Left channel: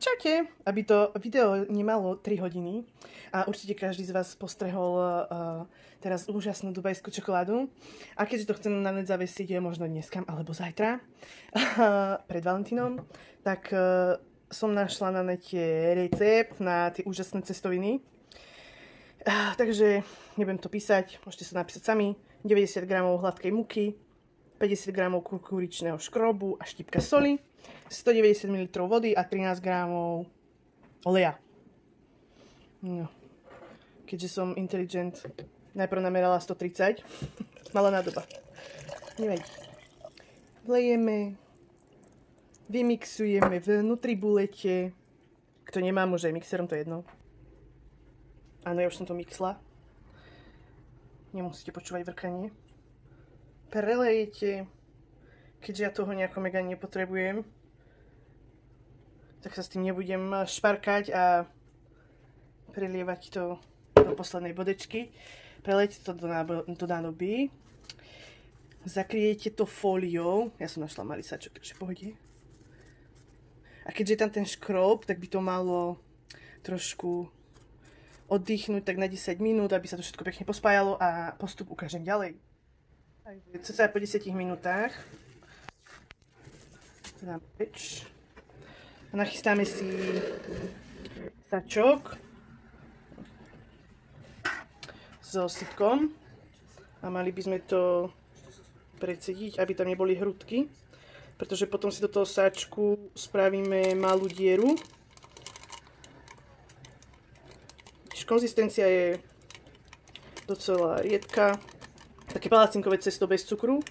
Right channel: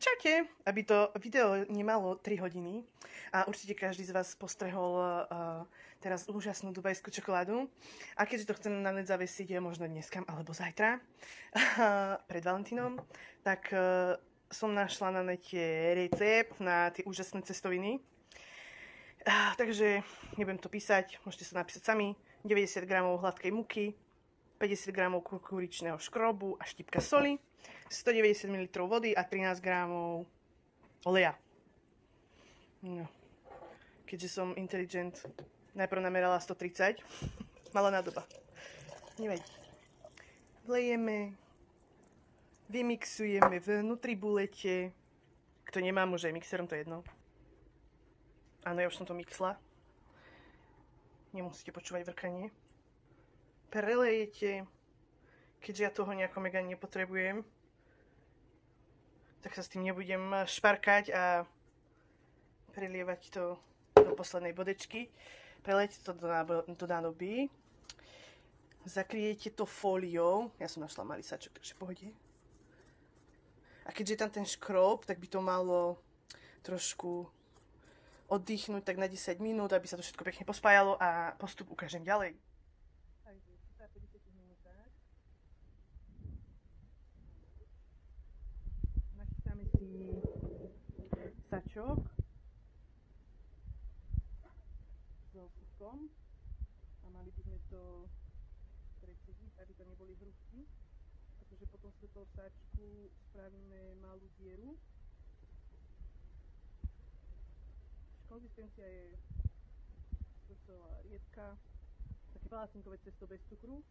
Čaute, aby to video nemalo 3 hodiny a určite každý z vás postrehol teraz úžasnú dubajskú čokoládu. A keďže to chcem na net zavesiť možno dneska alebo zajtra pred Valentínom, tak som našla na nete recept na tie úžasné cestoviny. Takže nebudem to písať, môžete sa napísať sami. 90 g hladkej múky, 50 g kukuričného škrobu a štipka soli, 190 ml vody a 13 g oleja. No. Keďže som intelligent, najprv namerala 130. Malá nádoba. Nevadí. Vlejeme, vymixujeme vnútri bulete. Kto nemá, môže aj mixerom, to je jedno. Áno, ja už som to mixla. Nemusíte počúvať vrkanie. Prelejete. Keďže ja toho nejako mega nepotrebujem, tak sa s tým nebudem šparkať a prelievať to do poslednej bodečky. Prelejete to do nádoby. Zakriejete to fóliou. Ja som našla malý sačok, takže v pohode. A keďže je tam ten škrob, tak by to malo trošku oddychnúť tak na 10 minút, aby sa to všetko pekne pospájalo a postup ukážem ďalej. Cca po 10 minútach dám preč. Nachystáme si sačok so sytkom a mali by sme to predsediť, aby tam neboli hrudky, pretože potom si do toho sačku spravíme malú dieru. Konzistencia je docela riedka, také palacinkové cesto bez cukru.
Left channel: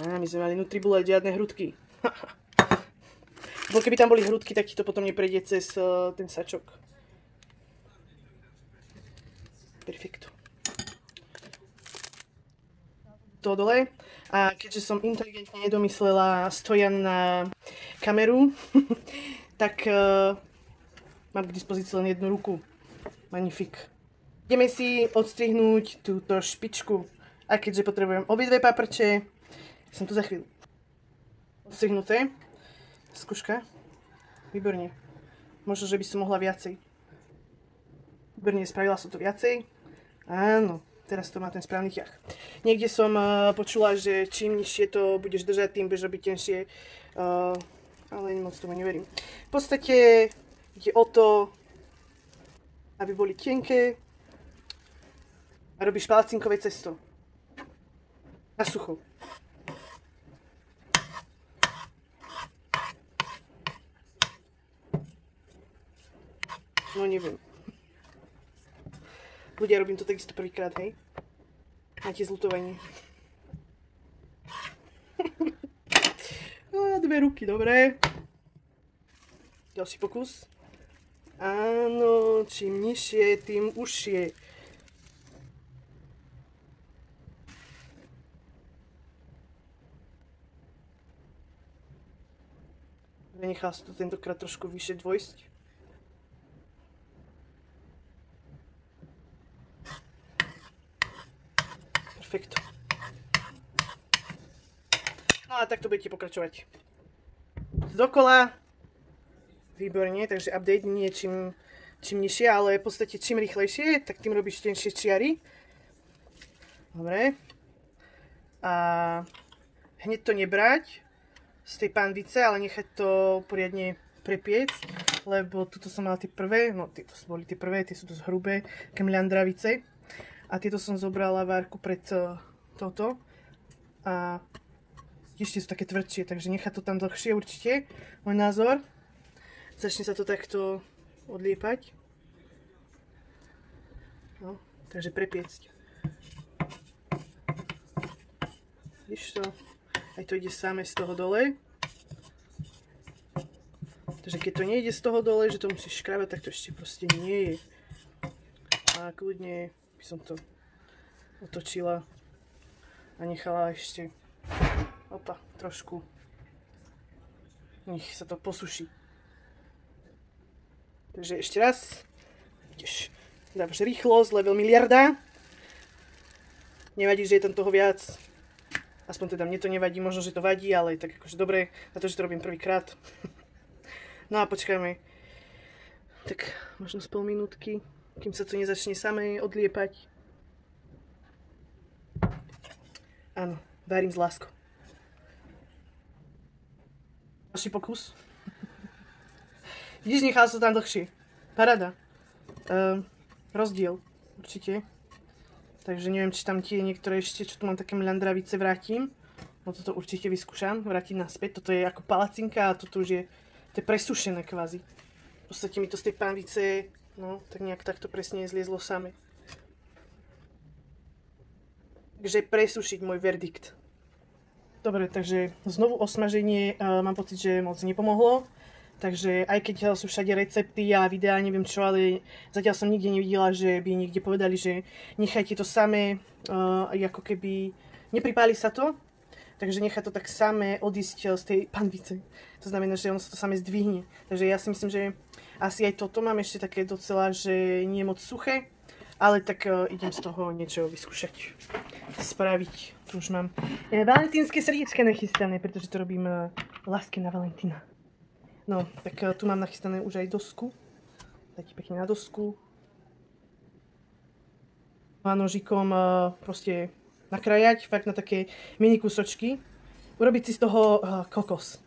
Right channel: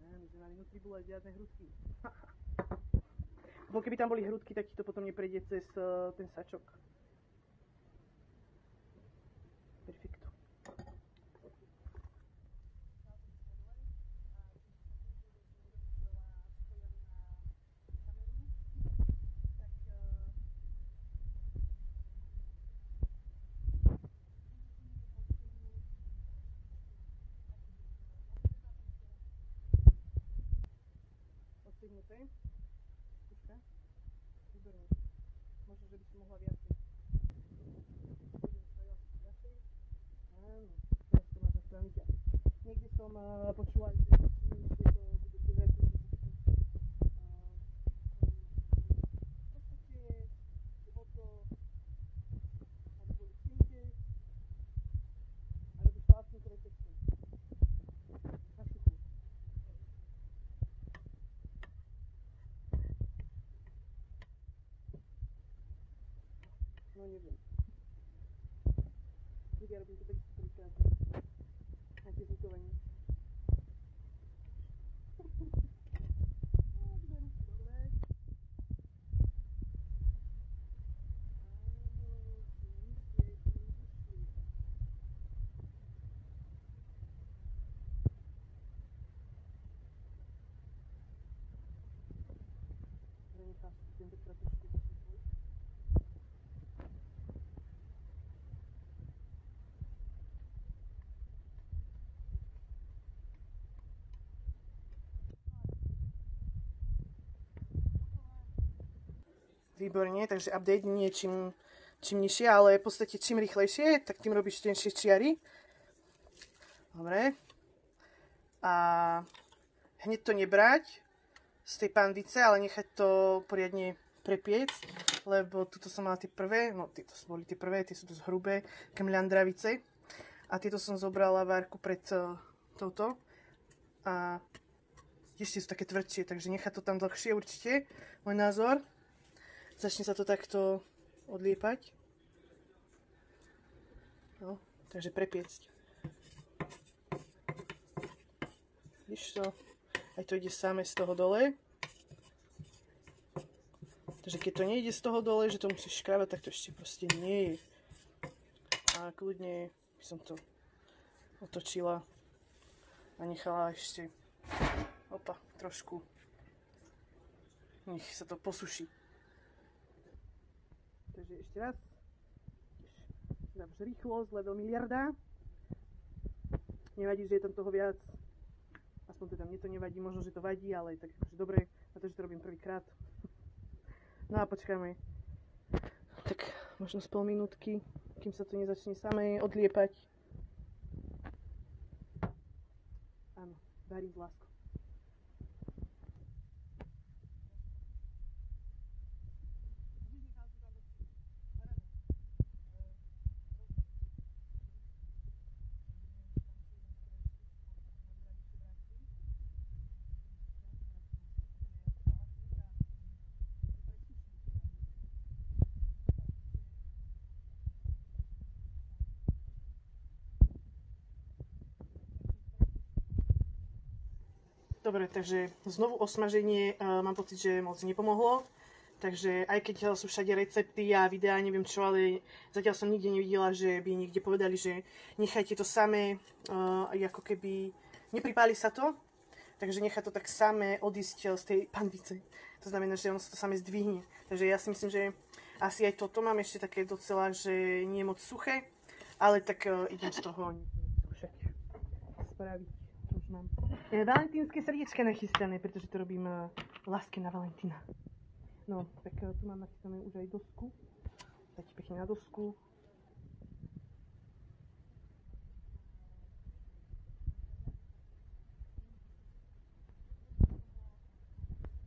My sme mali nutribule, žiadne hrudky. Bo keby tam boli hrudky, tak ti to potom neprejde cez ten sačok. Perfekto. To dole. A keďže som inteligentne nedomyslela stojan na kameru, tak mám k dispozícii len jednu ruku. Magnifik. Ideme si odstrihnúť túto špičku. A keďže potrebujem obidve paprče, som tu za chvíľu. Odstrihnuté. Skúška. Výborne. Možno, že by som mohla viacej. Výborne, spravila som to viacej. Áno, teraz to má ten správny ťah. Niekde som počula, že čím nižšie to budeš držať, tým budeš robiť tenšie. Ale moc tomu neverím. V podstate ide o to, aby boli tenké a robíš palacinkové cesto. Na sucho. No neviem. Ľudia, robím to takisto prvýkrát, hej? Máte zľutovanie. Dve ruky, dobre. Ďalší pokus. Áno, čím nižšie, tým užšie. Nenechal sa to tentokrát trošku vyššie dvojsť. Perfekto. No a takto budete pokračovať. Dokola. Výborne, takže update nie čím nižšie, ale v podstate čím rýchlejšie, tak tým robíš tenšie čiary. Dobre. A hneď to nebrať z tej pandice, ale nechať to poriadne prepiecť, lebo tuto som mala tie prvé, no tieto boli tie prvé, tie sú dosť hrubé, také mľandravice. A tieto som zobrala várku pred touto. A ešte sú také tvrdšie, takže nechať to tam dlhšie určite, môj názor. Začne sa to takto odliepať. No, takže prepiecť. Vidíš to? Aj to ide samé z toho dole. Takže keď to nejde z toho dole, že to musíš škrabať, tak to ešte proste nie je. A kľudne by som to otočila a nechala ešte trošku. Nech sa to posuší. Takže ešte raz. Dávaš rýchlosť, level miliarda. Nevadí, že je tam toho viac. Aspoň teda mne to nevadí, možno, že to vadí, ale tak akože dobre, na to, že to robím prvýkrát. No a počkajme. Tak možno z pol minútky, kým sa to nezačne samé odliepať. Áno, varím s láskou. Ďalší pokus. Vidíš, nechal som tam dlhšie. Paráda. Rozdiel, určite. Takže neviem, či tam tie niektoré ešte, čo tu mám také mľandravice, vrátim. No toto určite vyskúšam, vrátiť naspäť. Toto je ako palacinka a toto už je, to je presušené kvázi. V podstate mi to z tej panvice, no tak nejak takto presne zliezlo same. Takže presušiť môj verdikt. Dobre, takže znovu osmaženie mám pocit, že moc nepomohlo. Takže aj keď sú všade recepty a videá, neviem čo, ale zatiaľ som nikde nevidela, že by niekde povedali, že nechajte to samé, ako keby nepripáli sa to, takže nechá to tak samé odísť z tej panvice. To znamená, že ono sa to samé zdvihne. Takže ja si myslím, že asi aj toto mám ešte také docela, že nie je moc suché, ale tak idem z toho niečo vyskúšať, spraviť. Tu už mám valentínske srdiečka nachystané, pretože to robím láske na Valentína. No, tak tu mám nachystané už aj dosku. Dajte pekne na dosku. A nožikom proste nakrajať, fakt na také mini kúsočky. Urobiť si z toho kokos.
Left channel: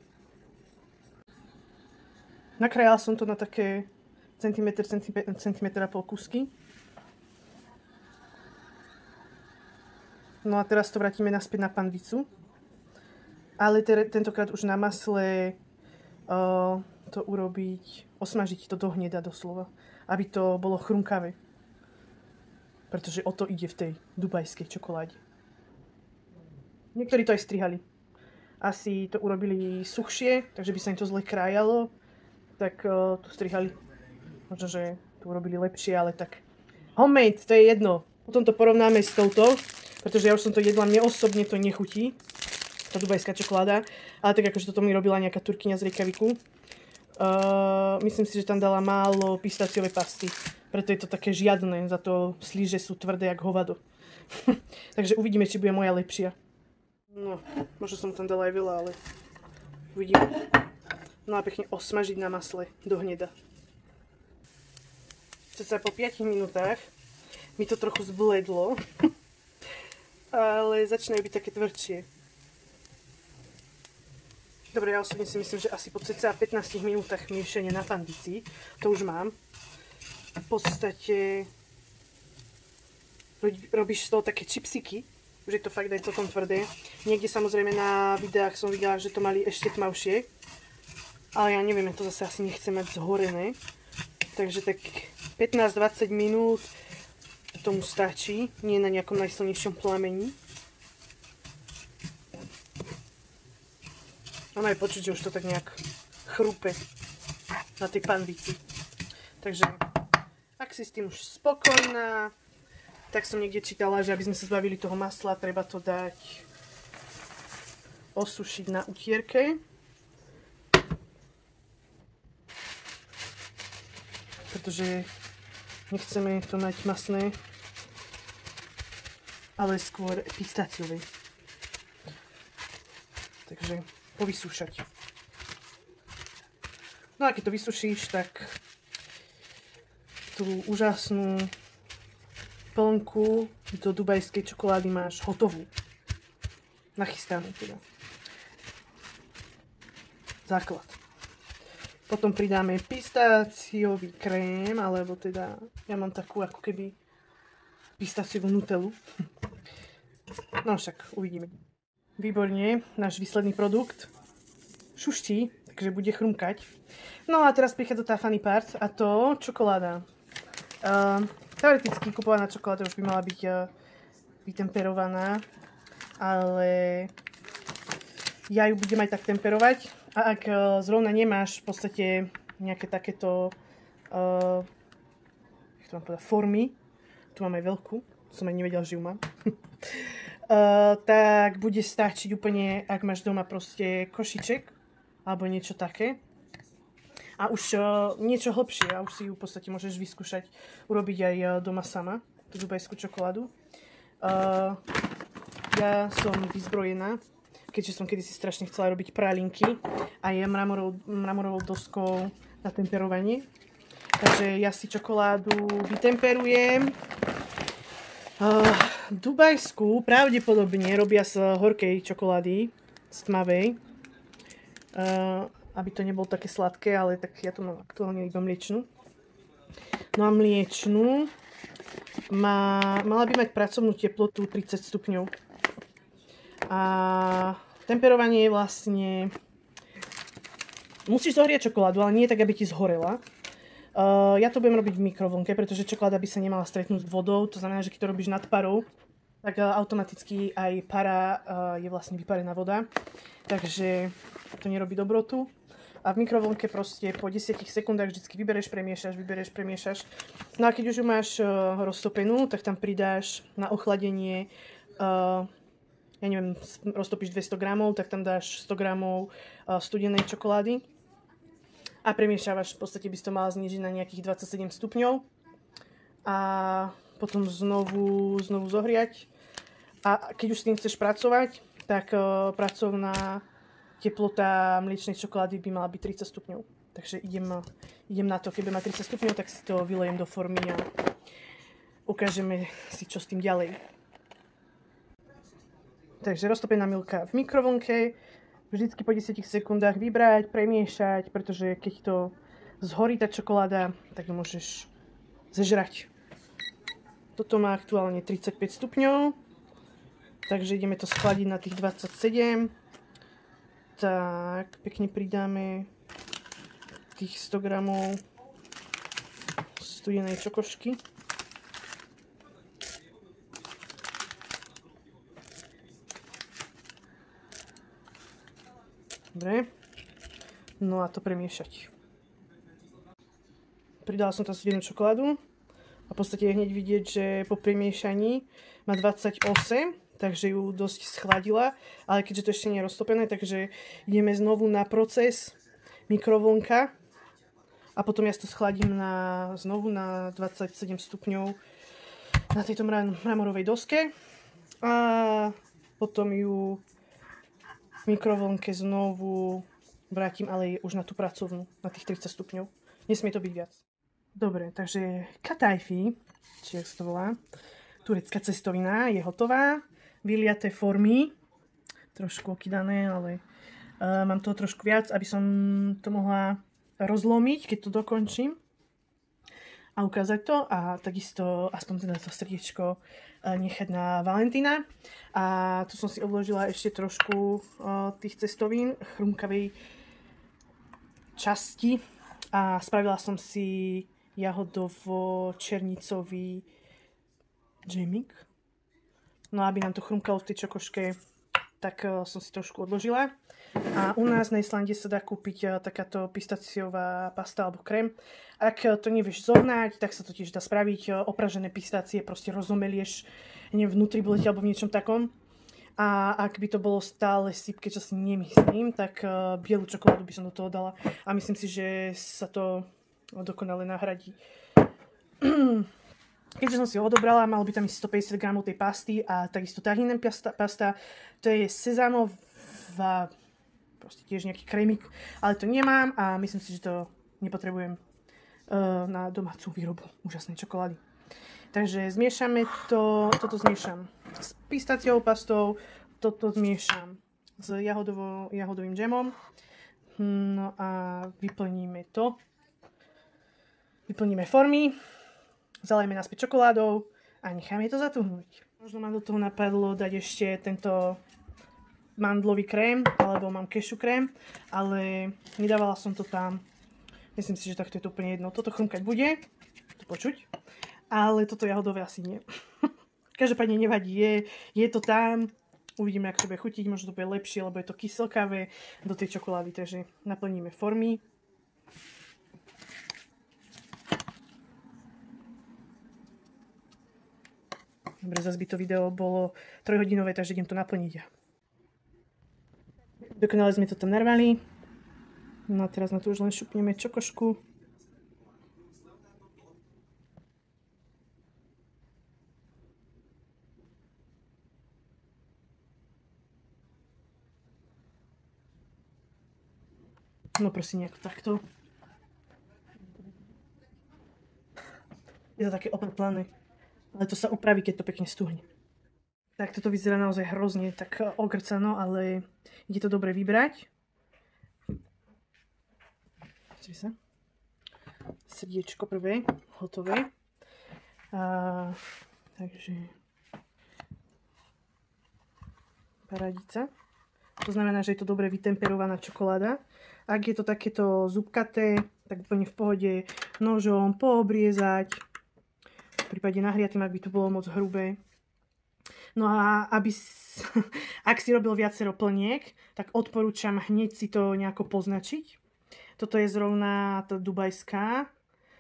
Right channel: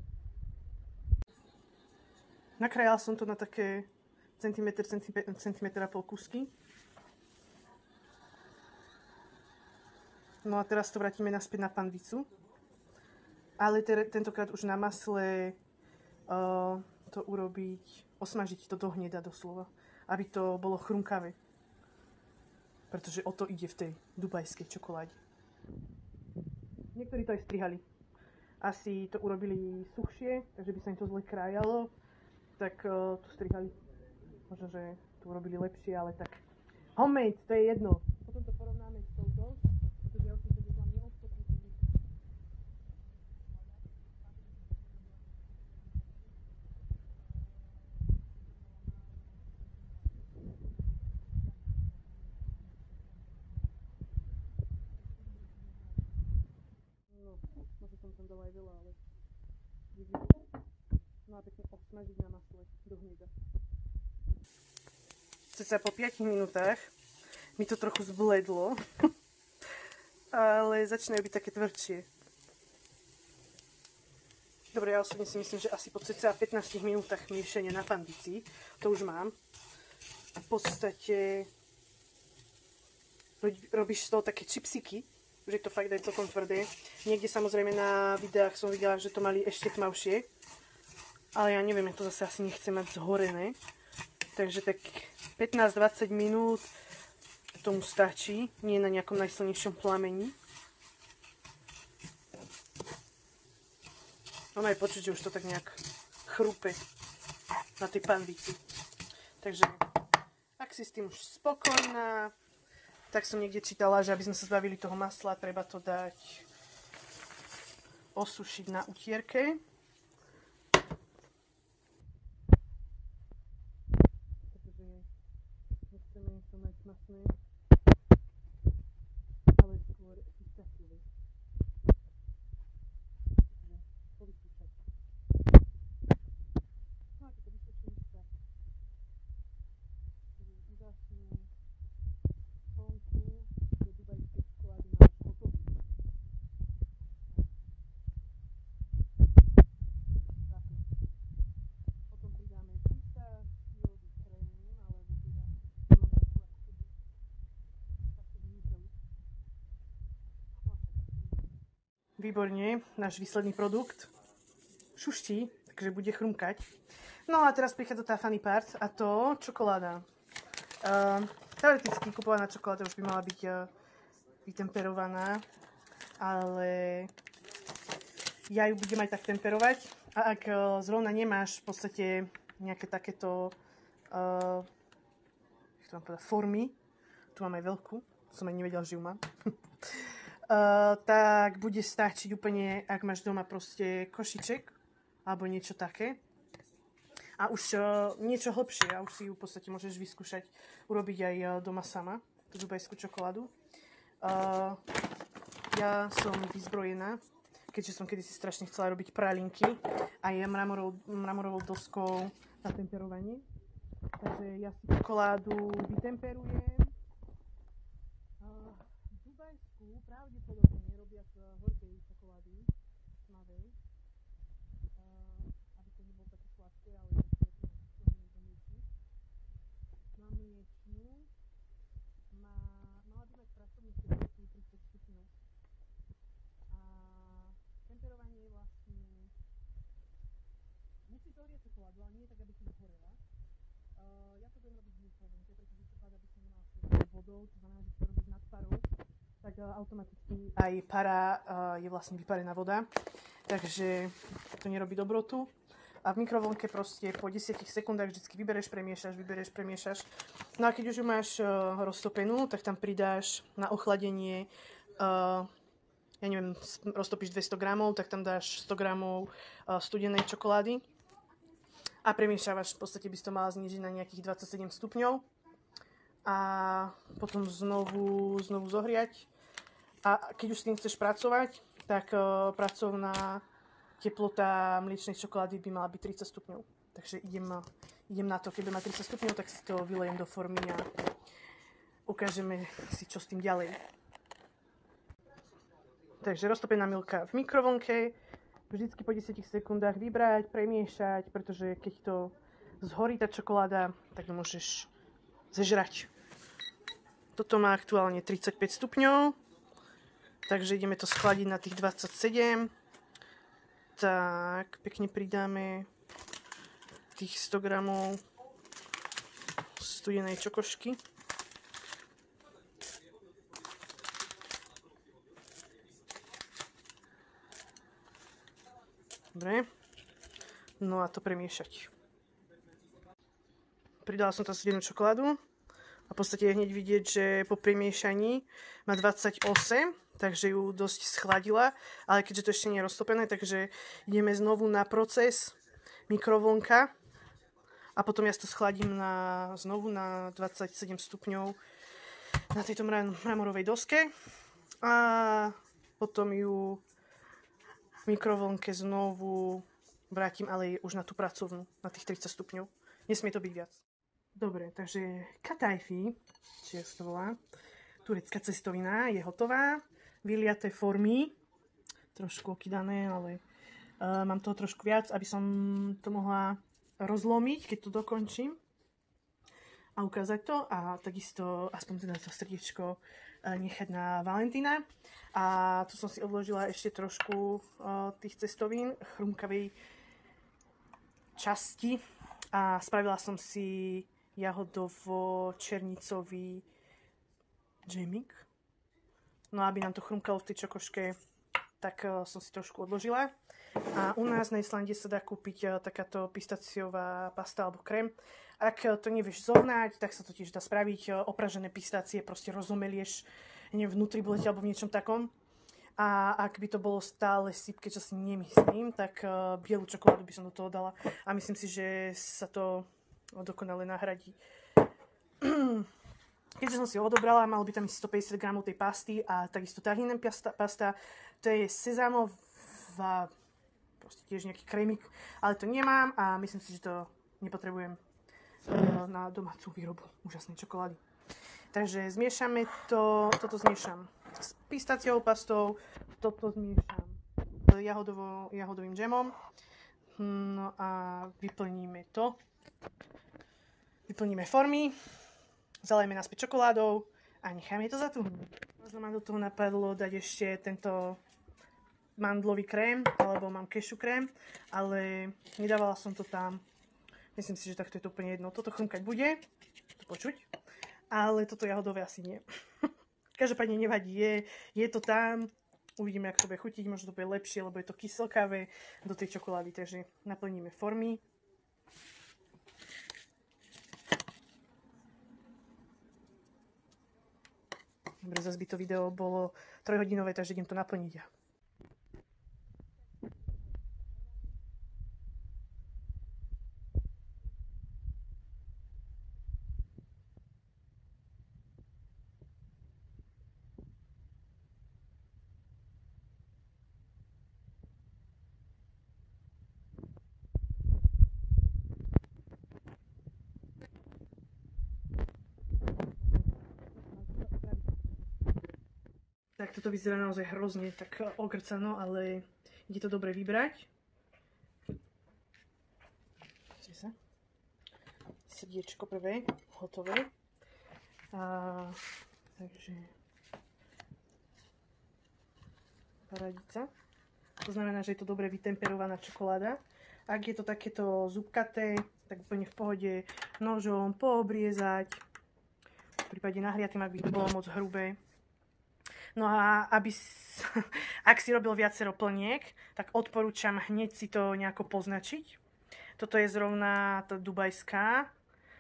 Nakrajala som to na také centimetr a pol kúsky. No a teraz to vrátime naspäť na panvicu. Ale tentokrát už na masle to urobiť, osmažiť to do hneda doslova, aby to bolo chrumkavé. Pretože o to ide v tej dubajskej čokoláde. Niektorí to aj strihali. Asi to urobili suchšie, takže by sa im to zle krájalo, tak to strihali. Možno, že to urobili lepšie, ale tak homemade, to je jedno. Potom to porovnáme s touto, pretože ja už som to jedla, mne osobne to nechutí. Tá dubajská čokoláda, ale tak akože toto mi robila nejaká Turkyňa z Reykjaviku. Myslím si, že tam dala málo pistáciovej pasty, preto je to také žiadne, za to slíže sú tvrdé jak hovado. Takže uvidíme, či bude moja lepšia. No, možno som tam dala aj veľa, ale uvidíme. No a pekne osmažiť na masle do hneda. Ceca po 5 minútach mi to trochu zbledlo, ale začínajú byť také tvrdšie. Dobre, ja osobne si myslím, že asi po cca 15 minútach miešania na panvici, to už mám. V podstate robíš z toho také čipsiky, už je to fakt aj celkom tvrdé. Niekde samozrejme na videách som videla, že to mali ešte tmavšie, ale ja neviem, ja to zase asi nechcem mať zhorené. Takže tak 15-20 minút tomu stačí, nie na nejakom najsilnejšom plamení. Ono je počuť, že už to tak nejak chrúpe na tej panvici. Takže, ak si s tým už spokojná, tak som niekde čítala, že aby sme sa zbavili toho masla, treba to dať osušiť na utierke. Pretože nechceme to mať masné, ale skôr pistáciové. Takže povysúšať. No a keď to vysušíš, tak tú úžasnú plnku do dubajskej čokolády máš hotovú. Nachystanú teda. Základ. Potom pridáme pistáciový krém, alebo teda ja mám takú ako keby pistáciovú nutelu. No však uvidíme. Výborne, náš výsledný produkt šuští, takže bude chrumkať. No a teraz prichádza tá funny part, a to čokoláda. Teoreticky kupovaná čokoláda už by mala byť vytemperovaná, ale ja ju budem aj tak temperovať. A ak zrovna nemáš v podstate nejaké takéto jak to mám povedať, formy, tu mám aj veľkú, som aj nevedel, že ju mám. Tak bude stačiť úplne, ak máš doma proste košiček alebo niečo také. A už niečo hlbšie, a už si ju v podstate môžeš vyskúšať urobiť aj doma sama, tú dubajskú čokoládu. ja som vyzbrojená, keďže som kedysi strašne chcela robiť pralinky a je mramorovou doskou na temperovanie. Takže ja si čokoládu vytemperujem. Dubajskú pravdepodobne robia z horkej čokolády, z tmavej. Aby to nebolo také sladké, ale tak ja to mám aktuálne iba mliečnú. No a mliečnú mala by mať pracovnú teplotu 30 stupňov. A temperovanie je vlastne... Musíš zohrieť čokoládu, ale nie tak, aby ti zhorela. Ja to budem robiť v mikrovlnke, pretože čokoláda by sa nemala stretnúť s vodou. To znamená, že keď to robíš nad parou, tak automaticky aj para je vlastne vyparená voda. Takže to nerobí dobrotu. A v mikrovlnke proste po 10 sekundách vždycky vybereš, premiešaš. No a keď už ju máš roztopenú, tak tam pridáš na ochladenie, ja neviem, roztopíš 200 gramov, tak tam dáš 100 gramov studenej čokolády. A premiešavaš, v podstate by si to mala znížiť na nejakých 27 stupňov. A potom znovu zohriať. A keď už s tým chceš pracovať, tak pracovná teplota mliečnej čokolády by mala byť 30 stupňov. Takže idem na to. Keď má 30 stupňov, tak si to vylejem do formy a ukážeme si, čo s tým ďalej. Takže roztopená milka v mikrovlnke. Vždycky po 10 sekundách vybrať, premiešať, pretože keď to zhorí tá čokoláda, tak ju môžeš zežrať. Toto má aktuálne 35 stupňov. Takže ideme to schladiť na tých 27. Tak, pekne pridáme tých 100 gramov studenej čokošky. Dobre. No a to premiešať. Pridala som tam studenú čokoládu a v podstate je hneď vidieť, že po premiešaní má 28. Takže ju dosť schladila, ale keďže to ešte nie je roztopené, takže ideme znovu na proces mikrovlnka a potom ja to schladím znovu na 27 stupňov na tejto mramorovej doske a potom ju v mikrovlnke znovu vrátim, ale už na tú pracovnú, na tých 30 stupňov. Nesmie to byť viac. Dobre, takže katajfi, či jak sa to volá, turecká cestovina je hotová. Vyliaté formy, trošku okydané, ale mám toho trošku viac, aby som to mohla rozlomiť, keď to dokončím a ukázať to a takisto aspoň teda to srdiečko nechať na Valentína. A tu som si odložila ešte trošku tých cestovín, chrumkavej časti a spravila som si jahodovo-černicový džemik. No aby nám to chrumkalo v tej čokoške, tak som si trošku odložila. A u nás na Islande sa dá kúpiť takáto pistáciová pasta alebo krém. Ak to nevieš zohnať, tak sa to tiež dá spraviť. Opražené pistácie proste rozomelieš, neviem, vnútri bulete alebo v niečom takom. A ak by to bolo stále sypke, čo si nemyslím, tak bielu čokoládu by som do toho dala. A myslím si, že sa to dokonale nahradí. Keďže som si ho odobrala, malo by tam ísť 150 gramov tej pasty a takisto tahínem pasta. To je sezámová, proste tiež nejaký krémik, ale to nemám a myslím si, že to nepotrebujem na domácu výrobu úžasnej čokolády. Takže zmiešame to, toto zmiešam s pistáciovou pastou, toto zmiešam s jahodovým džemom. No a vyplníme to. Vyplníme formy. Zalejeme naspäť čokoládou a necháme to zatuhnúť. Možno ma do toho napadlo dať ešte tento mandlový krém, alebo mám kešu krém, ale nedávala som to tam. Myslím si, že takto je to úplne jedno. Toto chrumkať bude, to počuť, ale toto jahodové asi nie. Každopádne nevadí, je to tam. Uvidíme, ako to bude chutiť, možno to bude lepšie, lebo je to kyselkavé do tej čokolády, takže naplníme formy. Dobre, zase by to video bolo 3-hodinové, takže idem to naplniť. Dokonale sme to tam narvali. No a teraz na to už len šupneme čokošku. No prosím, nejako takto. Je to také opatlané, ale to sa upraví, keď to pekne stuhne. Tak toto vyzerá naozaj hrozne tak okrcano, ale ide to dobre vybrať. Pozri sa. Srdiečko prvé, hotové. Takže paradica. To znamená, že je to dobre vytemperovaná čokoláda. Ak je to takéto zúbkaté, tak úplne v pohode nožom poobriezať. V prípade nahriatým, ak by to bolo moc hrubé. No a ak si robil viacero plniek, tak odporúčam hneď si to nejako poznačiť. Toto je zrovna tá dubajská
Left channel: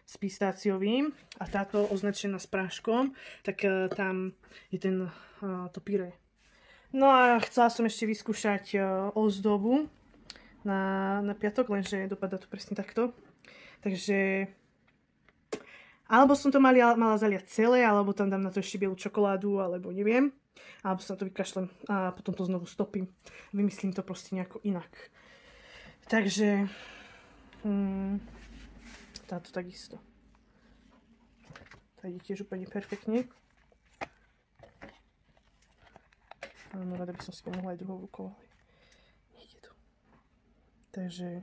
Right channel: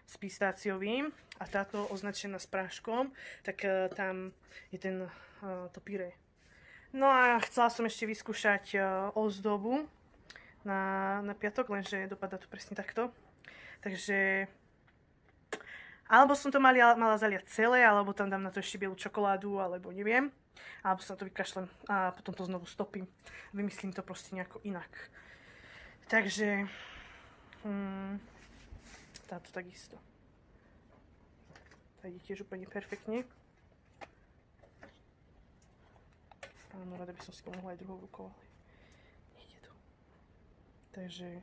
s pistáciovým a táto označená s práškom, tak tam je to pyré. No a chcela som ešte vyskúšať ozdobu na piatok, lenže dopadá to presne takto. Takže alebo som to mala zaliať celé, alebo tam dám na to ešte bielu čokoládu, alebo neviem. Alebo sa na to vykašlem a potom to znovu stopím. Vymyslím to proste nejako inak. Takže táto takisto. Tá ide tiež úplne perfektne. Áno, rada by som si pomohla aj druhou rukou, ale nejde to. Takže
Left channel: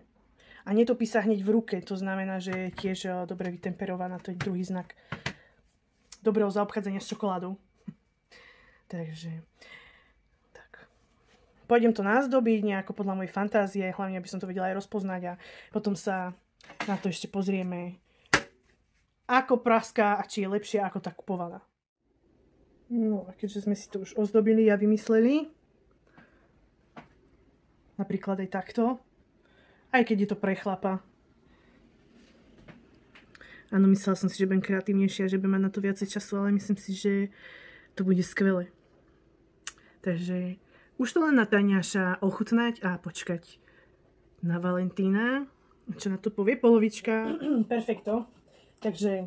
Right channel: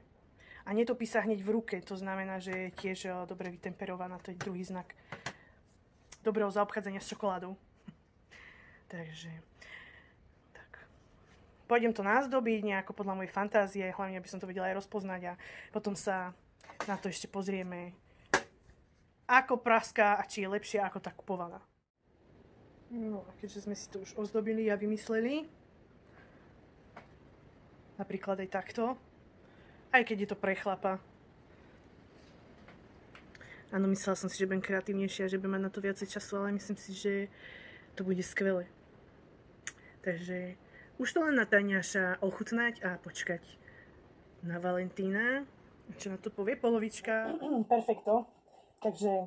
a netopí sa hneď v ruke, to znamená, že je tiež dobre vytemperovaná, to je druhý znak dobrého zaobchádzania s čokoládou. Takže, tak. Pôjdem to nazdobiť nejako podľa mojej fantázie, hlavne aby som to vedela aj rozpoznať a potom sa na to ešte pozrieme, ako praská a či je lepšia ako tá kupovaná. No a keďže sme si to už ozdobili a vymysleli, napríklad aj takto, aj keď je to pre chlapa. Áno, myslela som si, že budem kreatívnejšia, že budem mať na to viacej času, ale myslím si, že to bude skvelé. Takže už to len na Taňaša ochutnať a počkať na Valentína. Čo na to povie polovička? Perfekto. Takže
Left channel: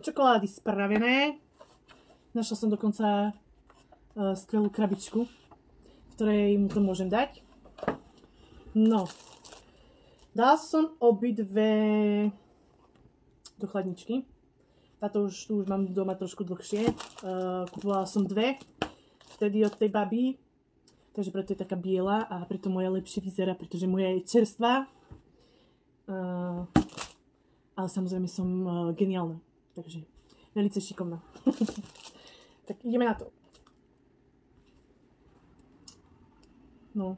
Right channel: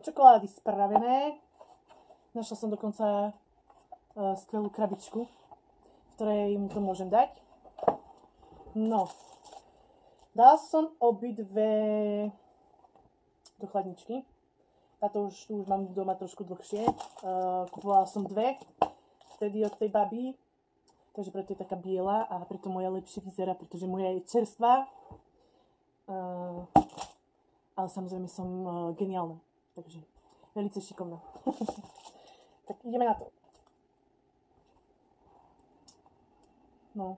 čokolády spravené. Našla som dokonca skvelú krabičku, v ktorej mu to môžem dať. No. Dala som obidve do chladničky. Táto už mám doma trošku dlhšie. Kupovala som dve, vtedy od tej baby. Takže preto je taká biela a preto moja lepšie vyzerá, pretože moja je čerstvá. Ale samozrejme som geniálna. Takže veľmi šikovná. Tak ideme na to. No.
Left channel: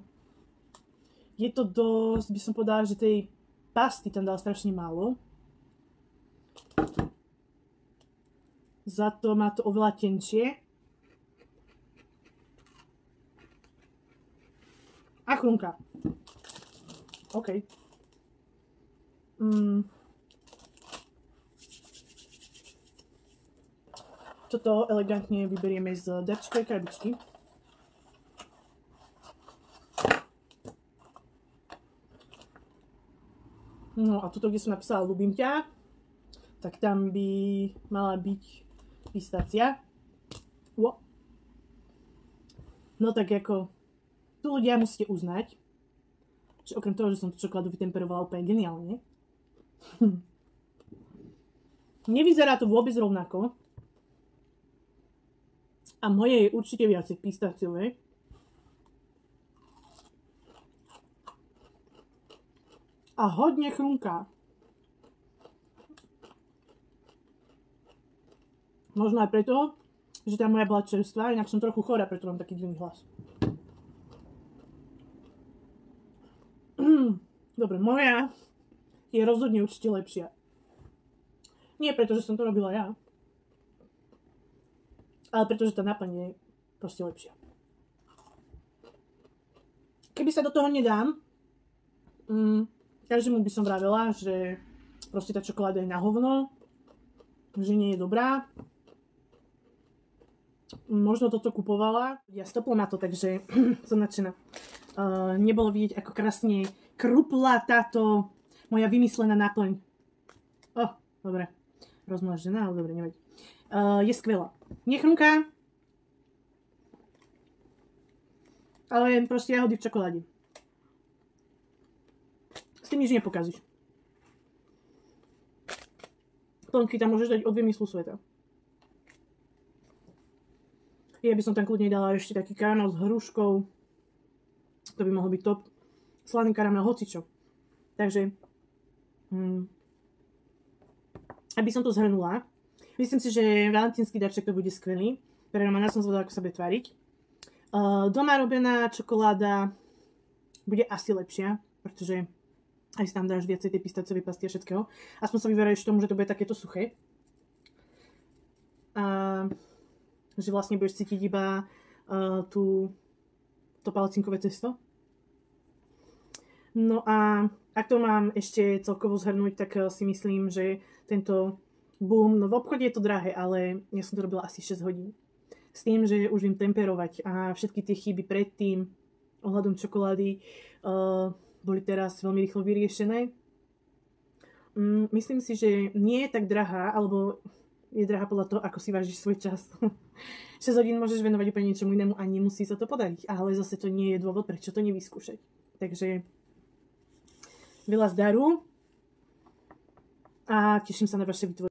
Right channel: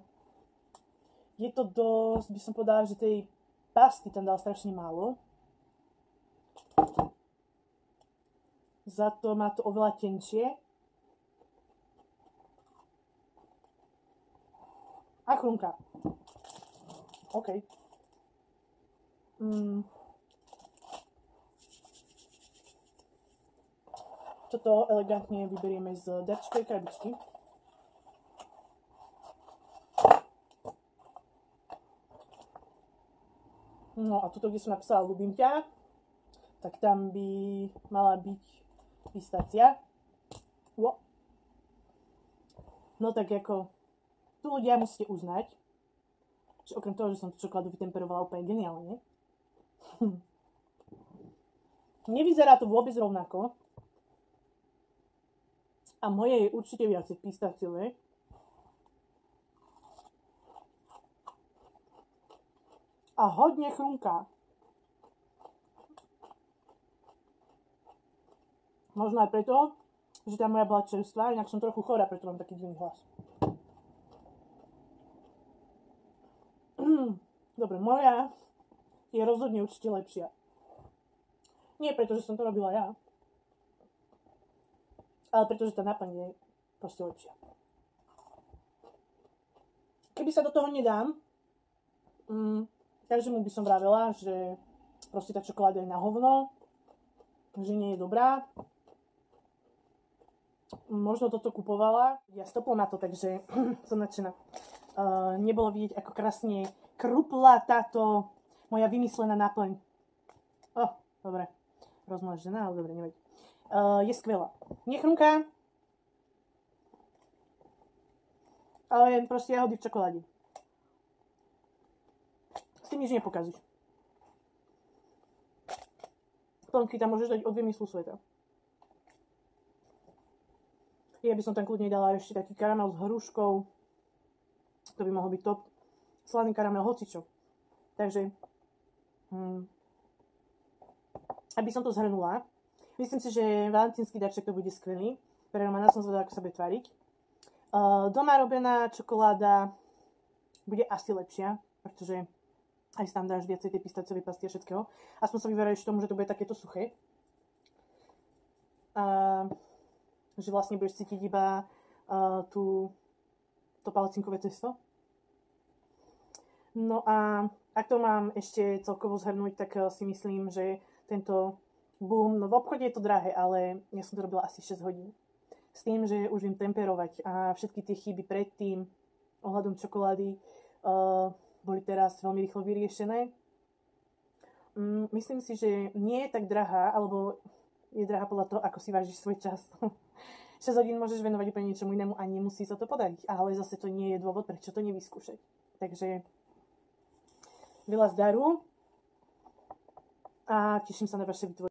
Je to dosť, by som povedala, že tej pasty tam dala strašne málo. Za to má to oveľa tenčie. A chrumka. OK. Toto elegantne vyberieme z darčkovej krabičky. No a tuto, kde som napísala ľúbim ťa, tak tam by mala byť pistácia. No tak ako, tu ľudia musíte uznať, že okrem toho, že som tú čokoládu vytemperovala úplne geniálne, nevyzerá to vôbec rovnako. A moje je určite viacej pistáciové. A hodne chrumká. Možno aj preto, že tá moja bola čerstvá, inak som trochu chorá, preto mám taký divný hlas. Dobre, moja je rozhodne určite lepšia. Nie preto, že som to robila ja, ale pretože tá náplň je proste lepšia. Keby sa do toho nedám, každému by som vravela, že proste tá čokoláda je na hovno, že nie je dobrá. Možno toto kupovala. Ja stopla na to, takže som nadšená. Nebolo vidieť, ako krásne krupla táto moja vymyslená náplň. Dobre. Rozmlažená, ale dobre, nevadí. Je skvelá. Nechrumká, ale je proste jahody v čokoláde. tým nič nepokazíš. Plnky tam môžeš dať od vymyslu sveta. Ja by som tam kľudne dala ešte taký karamel s hruškou. To by mohol byť top. Slaný karamel, hocičo. Takže, aby som to zhrnula, myslím si, že valentínsky darček to bude skvelý. Pre Romana som zvedala, ako sa bude tváriť. Doma robená čokoláda bude asi lepšia, pretože aj si tam dáš viacej tej pistáciovej pasty a všetkého. Aspoň sa vyverajú tomu, že to bude takéto suché. A že vlastne budeš cítiť iba to palacinkové cesto. No a ak to mám ešte celkovo zhrnúť, tak si myslím, že tento boom, no v obchode je to drahé, ale ja som to robila asi 6 hodín. S tým, že už viem temperovať a všetky tie chyby predtým ohľadom čokolády boli teraz veľmi rýchlo vyriešené. Myslím si, že nie je tak drahá, alebo je drahá podľa toho, ako si vážiš svoj čas. 6 hodín môžeš venovať úplne niečomu inému a nemusí sa to podariť, ale zase to nie je dôvod, prečo to nevyskúšať. Takže veľa zdaru a teším sa na vaše vytvorenie.